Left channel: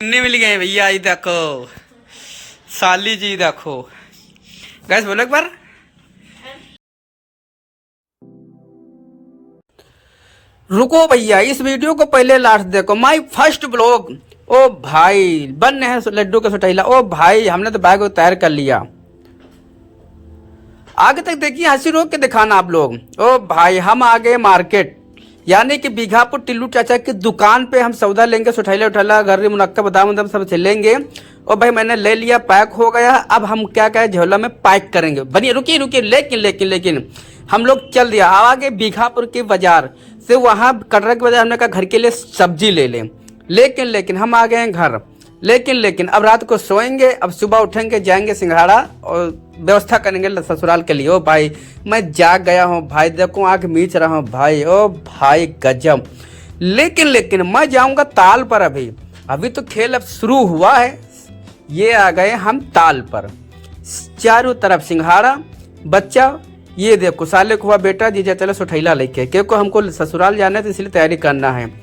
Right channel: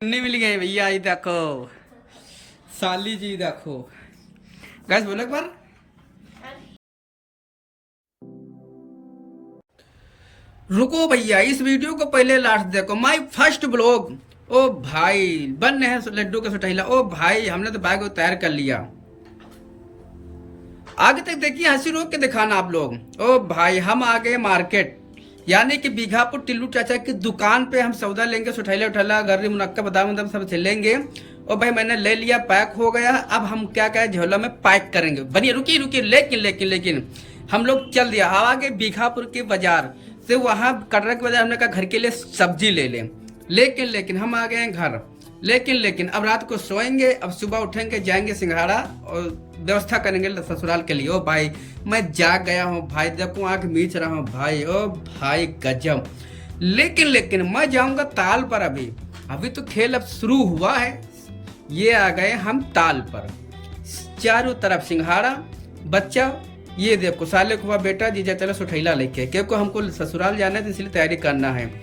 नहीं मिल गए भैया। ये देखो साली जी, देखो गैस बोलो एक बार। रुको भैया, इस वीडियो को पहले लास्ट देखो। My first blog. ओ भाई बन है लड्डू का सटैला। ओ भाई हमने तो बैग तैयार कर लिया। आगे तक देखिए, हंसी रोक के दिखाना आप लोग। ओ भाई हम आ गए मार्केट, यानी कि बीघापुर टिल्लू चाचा की दुकान पे हम सौदा लेंगे। सुठैला उठैला गर्री मुनक्का बादाम उदाम सब चलेंगे। और भाई मैंने ले लिया, पैक हो गया। अब हम क्या क्या झोला में पैक करेंगे। बनिए रुकिए रुकिए, लेकिन लेकिन लेकिन हम लोग चल दिया आगे बीघापुर के बाजार से। वहां कटरा के बाजार हमने कहा घर के लिए सब्जी ले लें। लेकिन हम आ गए हैं घर। लेकिन अब रात को सोएंगे, अब सुबह उठेंगे, जाएंगे सिंघाड़ा और व्यवस्था करेंगे ससुराल के लिए। ओ भाई मैं जाग गया हूँ भाई, देखो आंख मीच रहा हूँ भाई। ओ भाई गजब। लेकिन मैं जाऊंगा ताल पर। अभी तो खेल अब शुरू हुआ है। ये आ गए हम ताल पर, चारों तरफ सिंघाड़ा बच्चा। ये देखो साले को हुआ बेटा जीजा चलो सुठैला लेके, क्योंकि हमको ससुराल जाना है तो इसलिए तैयारी करना है।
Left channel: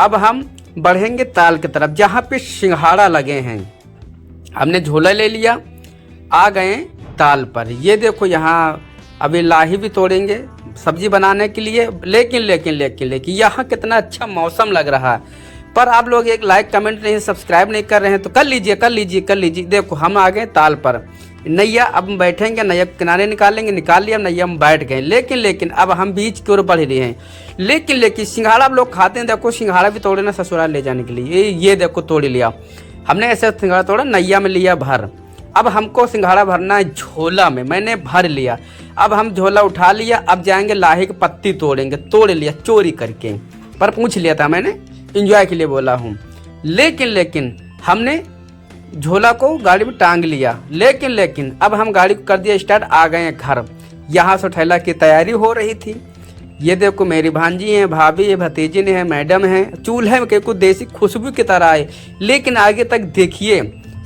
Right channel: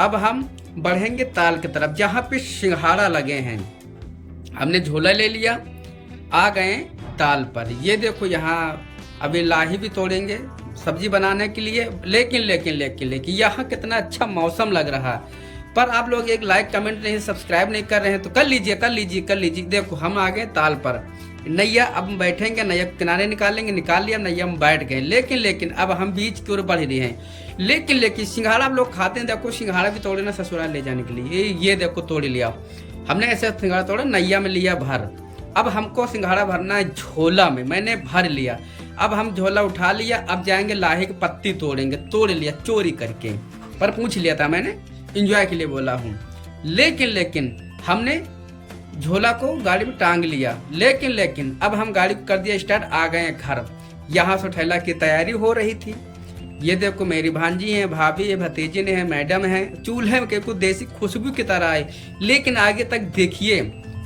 अब हम बढ़ेंगे ताल की तरफ जहाँ पे सिंघाड़ा लगे हैं। हमने झोला ले लिया, आ गए ताल पर। ये देखो यहाँ अभी लाही भी तोड़ेंगे सब्जी बनाने के लिए। लेकिन यहाँ कितना अच्छा मौसम लग रहा है। पर आप लोग एक लाइक कमेंट नहीं, सब्सक्राइब नहीं कर रहे हैं तो कर लीजिए। देखो हम आ गए ताल पर। नैया अब बैठेंगे, नैया किनारे निकाल लिया नैया हम बैठ गए। लेकिन अब हम बीच की ओर बढ़ रहे हैं। लेकिन सिंघाड़ा आप लोग खाते हैं। देखो सिंघाड़ा भी तोड़े ना ससुराल ले जाने के लिए। ये देखो तोड़ लिया हमने, ऐसे सिंघाड़ा तोड़ा, नैया में लिया भर। अब हमको सिंघाड़ा भरना है झोला में, मैंने भर लिया। अब हम झोला उठा लिया, अब जाएंगे लाही की पत्ती तोड़ेंगे। तोड़ लिया चोरी करके, पर पूछ लिया था मैंने, एंजॉय के लिए बोला हूँ। लेकिन हमने झोला को गाड़ी में टांग लिया। लेकिन अब हम गाड़ी को कर दिया स्टार्ट, आ गए घर। यहाँ से ठेला की तैयारी हो रही थी। ये देखो मेरी भांजी है, भाभी है, भतीजी ने है, मैडम है। चूल्हे में कुछ देसी खुशबू की तरह है। लेकिन आगे तक देखिए,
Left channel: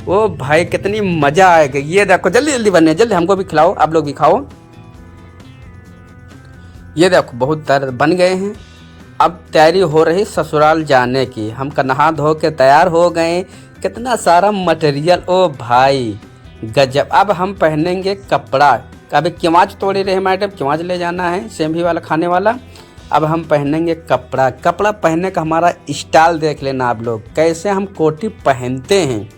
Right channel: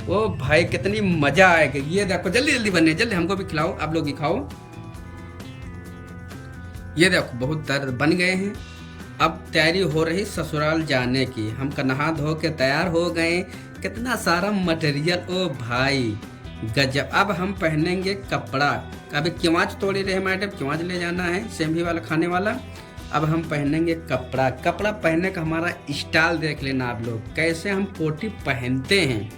ओ भाई कितनी मजा आएगा। ये देखो जल्दी बने, जल्दी हमको भी खिलाओ, आप लोग भी खाओ। ये देखो बहुत तरह बन गए हैं। अब तैयारी हो रही ससुराल जाने की। हम नहा धो के तैयार हो गए। कितना सारा मटेरियल, ओ भाई गजब। अब हम पहनेंगे कपड़ा। अभी किमाच तोड़े रहे मैडम, किमाच ले जाना है सेंभी वाला खाने वाला। अब हम पहनेंगे कपड़ा पहनने का हमारा स्टाइल देख लेना आप लोग, कैसे हम कोटी पहनते हैं।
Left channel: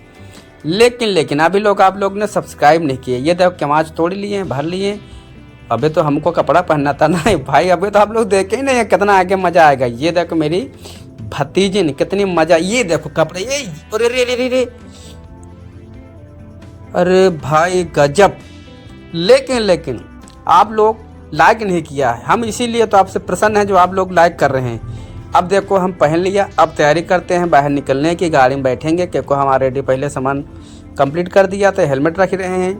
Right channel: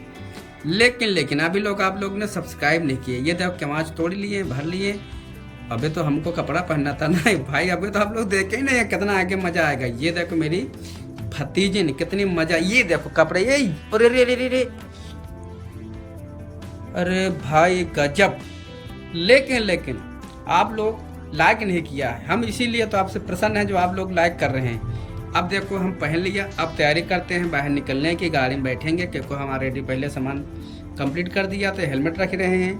लेकिन अभी लोग आप लोग ने सब्सक्राइब नहीं किए। ये देखो किमाच तोड़ लिए, भर लिए। अबे तो हमको कपड़ा पहनना था ना भाई। अबे तो आप लोग देखे ही नहीं कितना आगे मजा आएगा। ये देखो मेरी भतीजी ने कितनी मजा। ये देखो कपड़े, ये अरे भाई गजब। लेकिन आप लोग लाइक नहीं किया है। हम इसीलिए तो आपसे प्रसन्न हैं जो आप लोग लाइक कर रहे हैं। अब देखो हम पहन लिया, अब तैयारी करते हैं बाहर निकलने की। गाड़ी में बैठेंगे क्योंकि हम ऑलरेडी पहले सामान कंप्लीट कर दिया था। हेलमेट रख रहे हैं।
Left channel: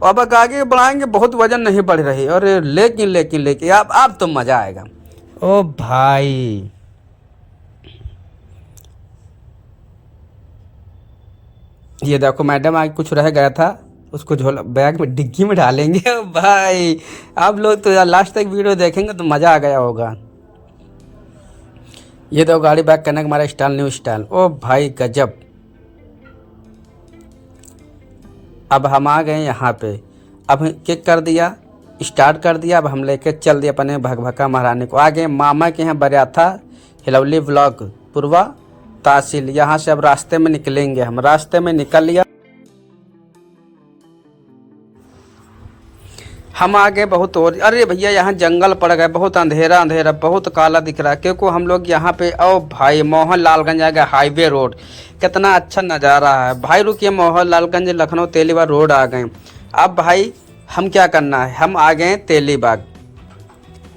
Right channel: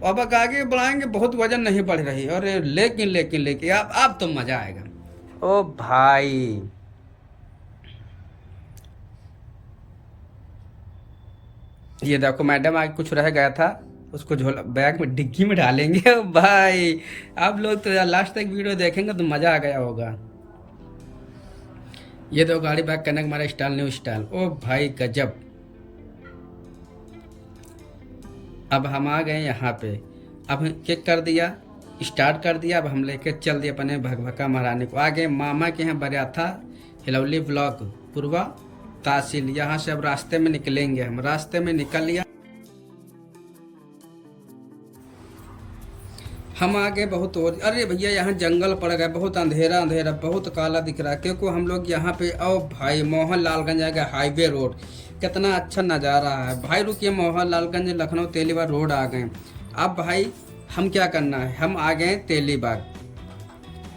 अब आगे बढ़ाएंगे, बहुत वजन नहीं बढ़ रही। और लेकिन अब तो मजा आएगा। ओ भाई ये देखो मैडम आज कुछ रह गया था, उसको झोला बैग में डिग्गी में डालेंगे। ओ भाई आप लोग तो लास्ट तक वीडियो देखेंगे तो मजा आ गया होगा। ये तो गाड़ी बैक करने का हमारा स्टाइल, न्यू स्टाइल। ओ भाई गजब। अब हम आ गए यहाँ पे। अब किक कर दिया, स्टार्ट कर दिया। अब हम लेके चल दिया अपने भगभका महारानी को। आ गए मामा के यहाँ बरियाथा हिलौली ब्लॉक पूर्वा तहसील। यहाँ से अब रास्ते में निकलेंगे। हम रास्ते में निकल लिया। हम आ गए बहुत और। अरे भैया यहाँ जंगल पड़ गए, बहुत अंधेरा बहुत काला दिख रहा है क्योंकि हम लोग यहाँ पे। ओ भाई मोहन लालगंज आ गए, हाईवे रोड। कितना अच्छा नज़ारा है भाई। रुकिए, मोहन लालगंज लखनऊ तेलीबाग रोड आ गए। अब भाई हम क्या करना है, हम आ गए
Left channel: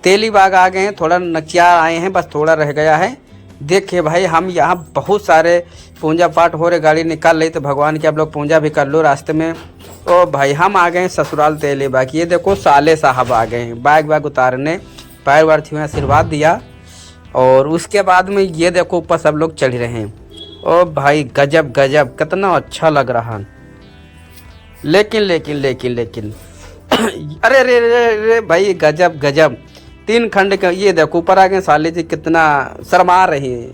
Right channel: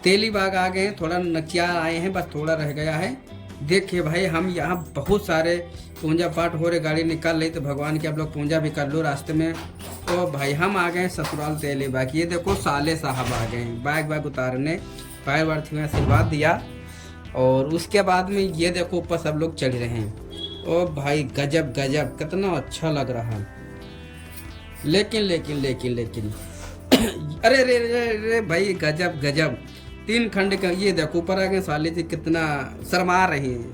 तेलीबाग आ गए हैं। थोड़ा नचिया आए हैं, बस थोड़ा रह गया है। देखिए भाई हम यहाँ बहुत सारे पूजा पाठ हो रहे, गाड़ी निकाल रही तो भगवान की आप लोग पूजा भी कर लो रास्ते में। ओ भाई हम आ गए ससुराल तेलीबाग। ये देखो साले साहब आ गए हैं बैग उतारने, पैर वार छुए, आशीर्वाद दिया। और उसके बाद में ये देखो ऊपर सब लोग चढ़ रहे हैं। ओ भाई गजब कितना अच्छा लग रहा। लेकिन अरे भाई गजब 3 खंड का। ये देखो ऊपर आ गए साले जी, कितना शर्मा रही है।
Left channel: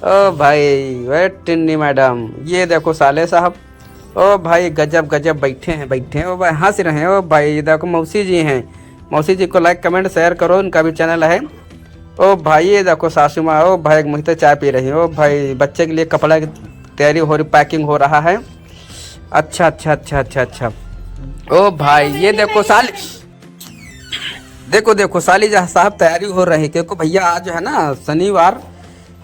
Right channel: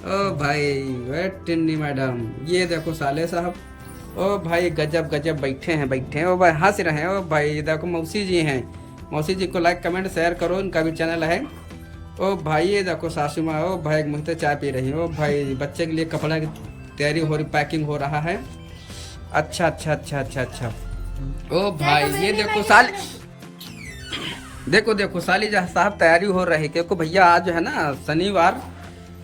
ओ भाई वे टिन्नी मैडम, ये देखो साले साहब। ओ भाई गजब गजब बैठे हैं। ओ भाई हंस रहे हैं। ओ भाई ये देखो मौसी जी हैं। मौसी जी को लाइक कमेंट शेयर करो, उनका भी चैनल है। ओ भाई ये देखो सासू माँ। ओ भाई मुझे चाय पी रही है। ओ भाई बच्चे के लिए कपड़ा की तैयारी हो रही, पैकिंग हो रहा है। अच्छा अच्छा अच्छा अच्छा अच्छा। ओ भाई ये देखो साली, देखो देखो साली साहब तैयारी हो रही है, क्योंकि भैया आज है ना शनिवार,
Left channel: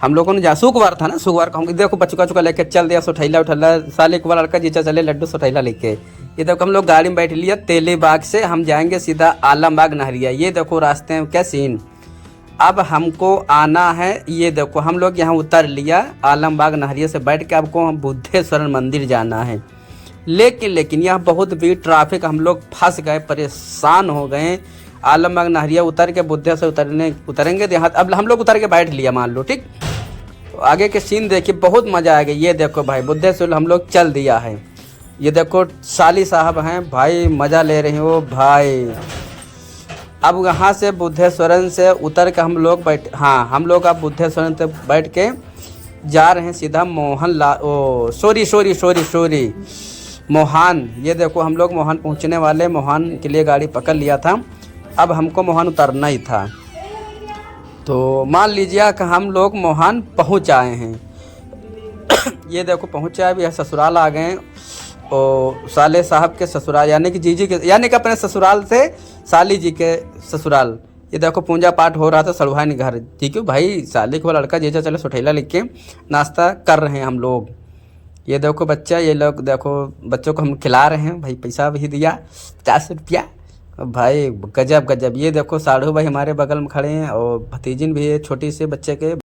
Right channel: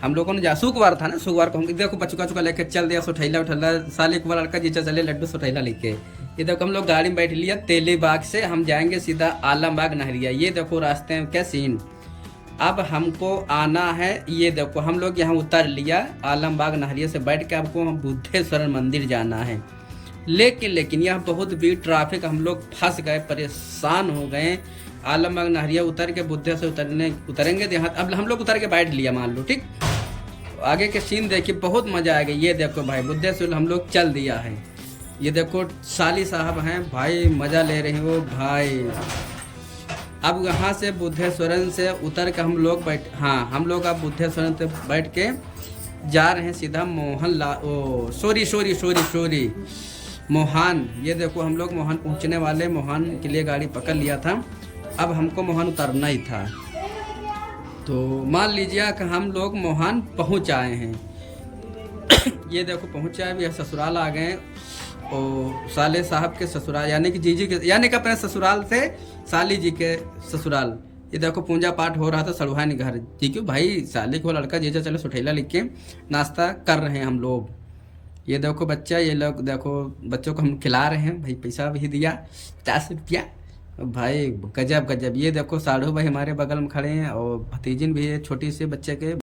हम लोगों ने शुक्रवार था ना, शुक्रवार को हम देखो बचका चुका लेके चल दिया सोठैला उठैला। साले को लड़का जीचा चले लड्डू सोठैला लेके। ये देखो हम लोग गाड़ी में बैठ लिया तेलीबाग से, हम जाएंगे सीधा आलमबाग नहरिया। ये देखो रास्ते में क्या सीन। अब हमको आना है, ये देखो हम लोग यहाँ उतर लिया आलमबाग नहरिया से बैठ के। आपको हम बुद्धेश्वर मंदिर जाना है, लेकिन यहाँ बहुत भीड़ ट्रैफिक, हम लोग फंस गए, परेशान हो गए। आलमबाग नहरिया उतर के बुद्धेश्वर उतरेंगे यहाँ। अब हम लोग उतर के बैठ लिया मान लो, ठीक। तो आगे के सीन देखिए, बहुत मजा आएगा। ये देखो भाई बुद्धेश्वर हम लोग चल दिया है। ये देखो साली साहब हैं भाई, मजा ले रही हो भाई। अब यहाँ से बुद्धेश्वरन से उतर के हम लोग हम लोग अब बुद्धेश्वरन से बैठ के जा रहे हैं सीधा मोहान। ये देखो हम लोग मोहान पहुँचने वाले, मोहान के लिए गाड़ी पकड़ लिया था। अब हमको मोहान उतरना ही था, तो मान लीजिए कि हम लोग मोहान पहुँच आए हैं। ये देखो पहुँचे, अभी ससुराल आ गए। और साले साहब के ससुराल यानी कि जीजी के, यानी कि अपने ससुराल से साली जी के ससुराल। ये देखो पूजा पाठ हो रहा था सड़ुहानी घर, ठीक है भाई। साले को लड़का जीजा चले सोठैला लिख के नाश्ता कर रहे हैं हम लोग। ये देखो बच्चा, ये लोग देखो बच्चों को हम खिला रहे हैं भाई, पैसा भी दिया 50 रुपया भाई। गजब गजब। ये देखो साढ़ू भाई हमारे बगल में खड़े हैं, और भतीजिन भी है छोटी से बच्चे के।